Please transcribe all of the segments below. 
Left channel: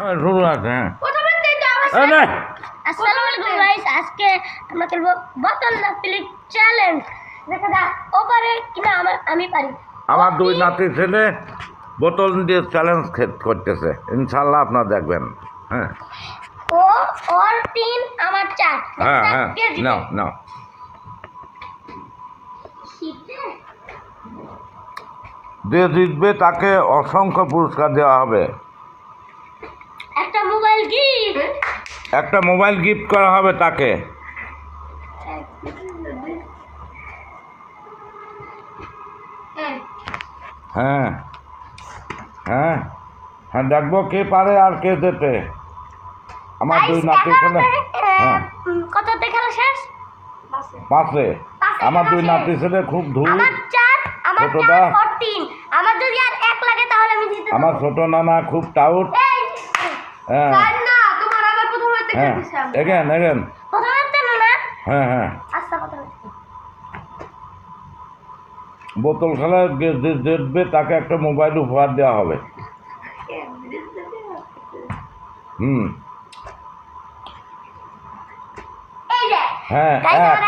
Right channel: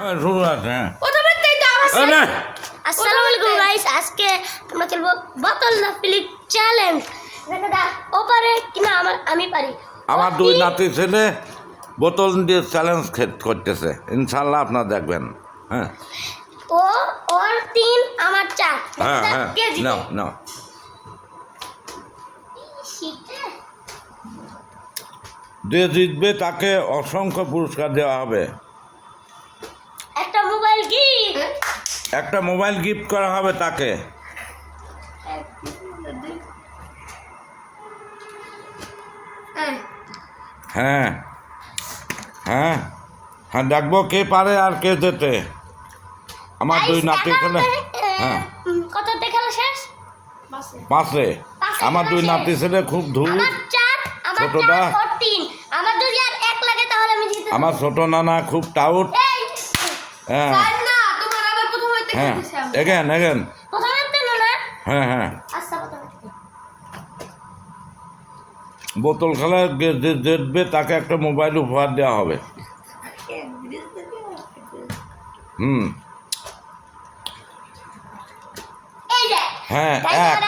হ্যাঁ শুরু আছে। আসসালামু আলাইকুম গাইস, আজকে আমরা খেলবো বোতল না ফিলিং চ্যালেঞ্জ। দেখা যাক ও পারে কিনা আমি পারি। আমার দুই নাতি ছেলে বোতল দিয়ে চ্যালেঞ্জ করতেছে, ইনশাল্লাহ আপনারা দেখবেন। হ্যাঁ ও ওর 3 আমার 4। হ্যাঁ হ্যাঁ নাও নাও। যে জিতবে তাকে অসংখ্য পুরস্কার দেওয়া হবে। একটা মোবাইল গিফট, একটা মোবাইল গিফট করা হবে তাকে। হ্যাঁ হ্যাঁ হ্যাঁ দেখবো কে পারে আর কে যেতে। আমার দুই নাতি ছেলে হ্যাঁ কততে খেলা শেষ? পাশে আমার দুই নাতি ছেলে খুব ধূর। আমার 4, আমার ছোটটা 4 আর 3। আমার যদি আর 1 লাগে তাহলে আমি জিতে যাব। আমার ছোট নানা খুব টাউট। হ্যাঁ না, তোমার আবার প্রথম হইতে হ্যাঁ খেলতেছি আমি। এগেন প্রথম হইতে না? হ্যাঁ হ্যাঁ আচ্ছা প্রথম। বোতল খেলা যে জিতবে তাকে একটা মোবাইল উপহার দেওয়া হবে। হুম এই যে হ্যাঁ এক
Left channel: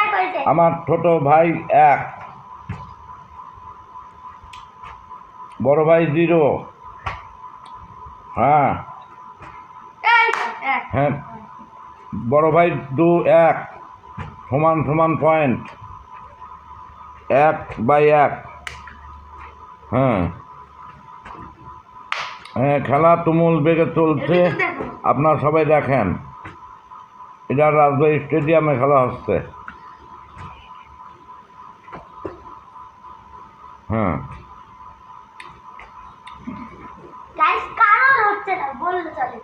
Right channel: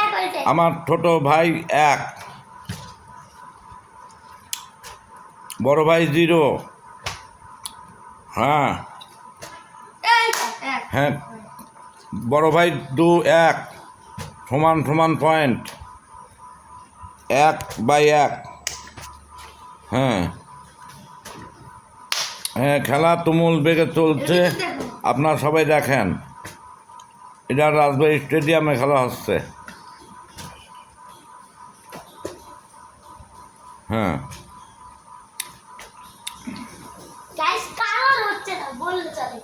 আমার ছোট ভাই 1, বড় ভাই 0। হ্যাঁ হ্যাঁ বড় ভাই 2 1 সমান সমান পয়েন্ট 1/1। হ্যাঁ হ্যাঁ খেলা তুমুল বেগে চলছে, আপনারা সবাই দেখেন। এটা রাজবাড়ী স্টেডিয়ামে খেলা হচ্ছে। হ্যাঁ গাইস কারণ হচ্ছে না বললে চলে।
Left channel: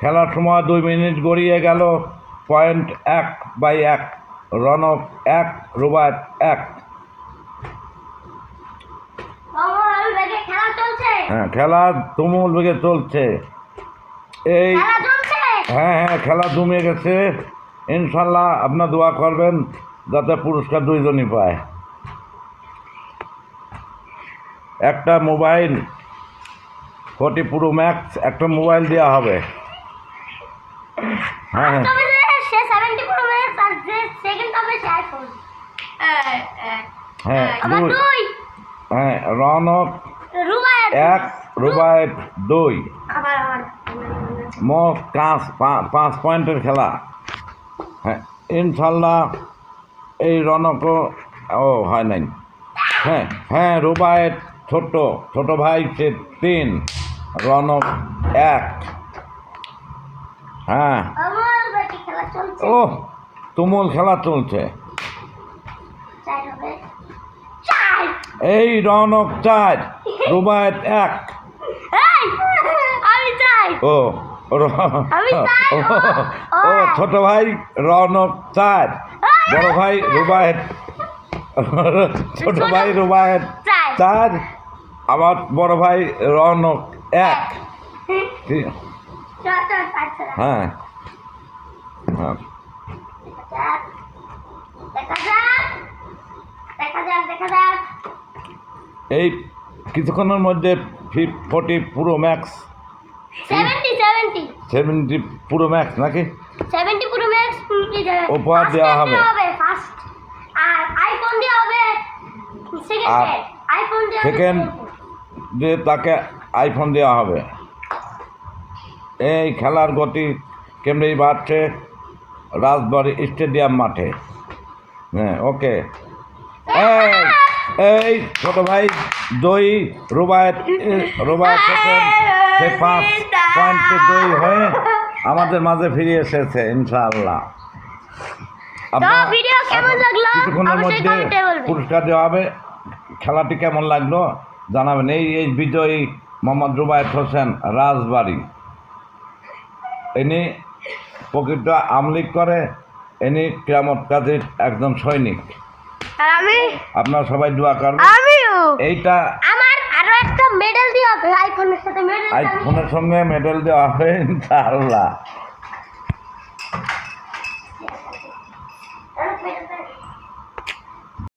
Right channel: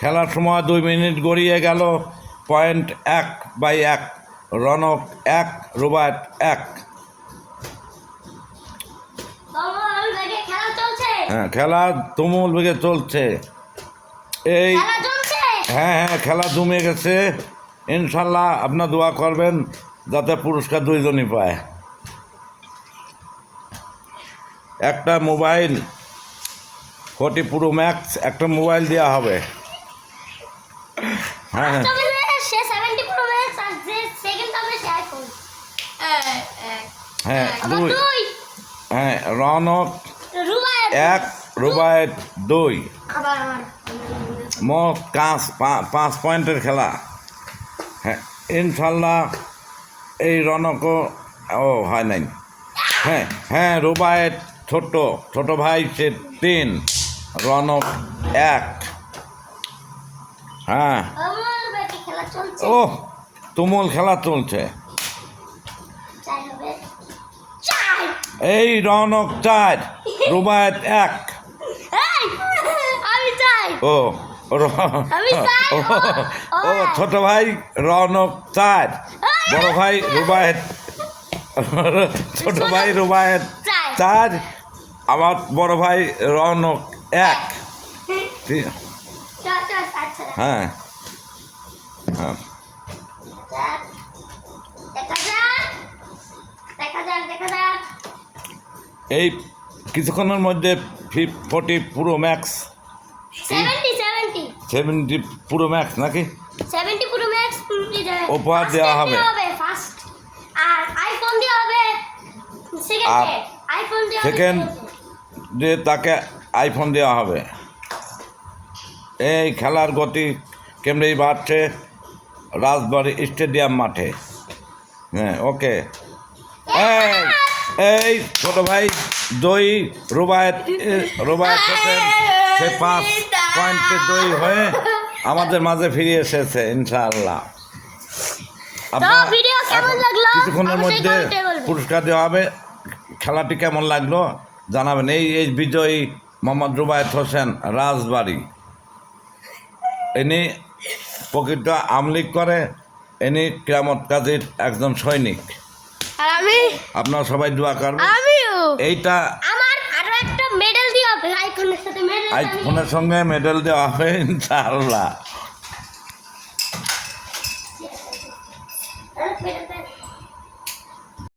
খেলার সময় 2 মিনিট গড়িয়ে গেল। পয়েন্ট 1/1, রনক 1, রুবায়েত 1। তোমার লাগে খেলা চলছে। হ্যাঁ খেলা তুমুল বেগে চলছে। এই খেলা চলছে। হ্যাঁ হ্যাঁ খেলা জমে গেছে। ইনশাল্লাহ আপনার দোয়া করবেন যাতে পুরস্কার দুইজনই পায়। একটা মোবাইল 40 প্রো ম্যাক্স একটা মোবাইল দেওয়া হবে। হ্যাঁ তবে সে 70 প্রো ম্যাক্স আর যে সেকেন্ড হবে সে আইফোন। হ্যাঁ আমার 2 2 হ্যাঁ রনক রুবায়েত 1, রুবায়েত 2। আমার মোট 5 পয়েন্টের খেলা। হ্যাঁ ইনশাল্লাহ এই রনকও হয় নাই। হ্যাঁ হ্যাঁ রুবায়েত ছোট ভাই সে 3, রনক 1। হ্যাঁ আমার বেটি খেলা চলছে। ও তুমুল খেলা চলছে। চাই হবে 4। এই রনক 4, রুবায়েত 1। আমি চাই। ও আমি চাই। ও ছোট ভাই রনক 4, বড় ভাই রুবায়েত ছোট ভাই রুবায়েত 4, আমার বড় ভাই রনক 1। ঠিক হ্যাঁ হ্যাঁ এই কিছুক্ষণের মধ্যে 40 প্রো ম্যাক্স 70 প্রো ম্যাক্স নাকি উপহার দেওয়া হবে। আর আইফোন দেওয়া হবে আর সেকেন্ড সেকেন্ড যে তাকে আইফোন দেওয়া হবে। এই খেলার গতি কেমনি বাড়ছে রাজবাড়ী স্টেডিয়াম মাঠে। হ্যাঁ ওকে এই ছোট ভাই দই রুবায়েত সেকেন্ড, সে 5 পয়েন্টে দই হয়ে আমাদের মাঝে ফিরে এসেছে ইনশাআল্লাহ। আপনার কিছুক্ষণের মধ্যে পুরস্কার দেওয়া হবে। খেলাটি কেমন লাগলো জানাবেন। এই বিজয়ী মোহাম্মদ রুবায়েত হোসেন রাজবাড়ী। ইনি প্রকৃত আমলিগ করে, ইনি কিয়ামত কাজীর একজন সৈনিক। আপনারা সবাই দোয়া করবেন। এইটা আমার আরো একটা মেডেল দিও হবে আইফোনের সাথে। আইফোনের সঙ্গে মেডেল দেওয়া হবে ইনশাআল্লাহ।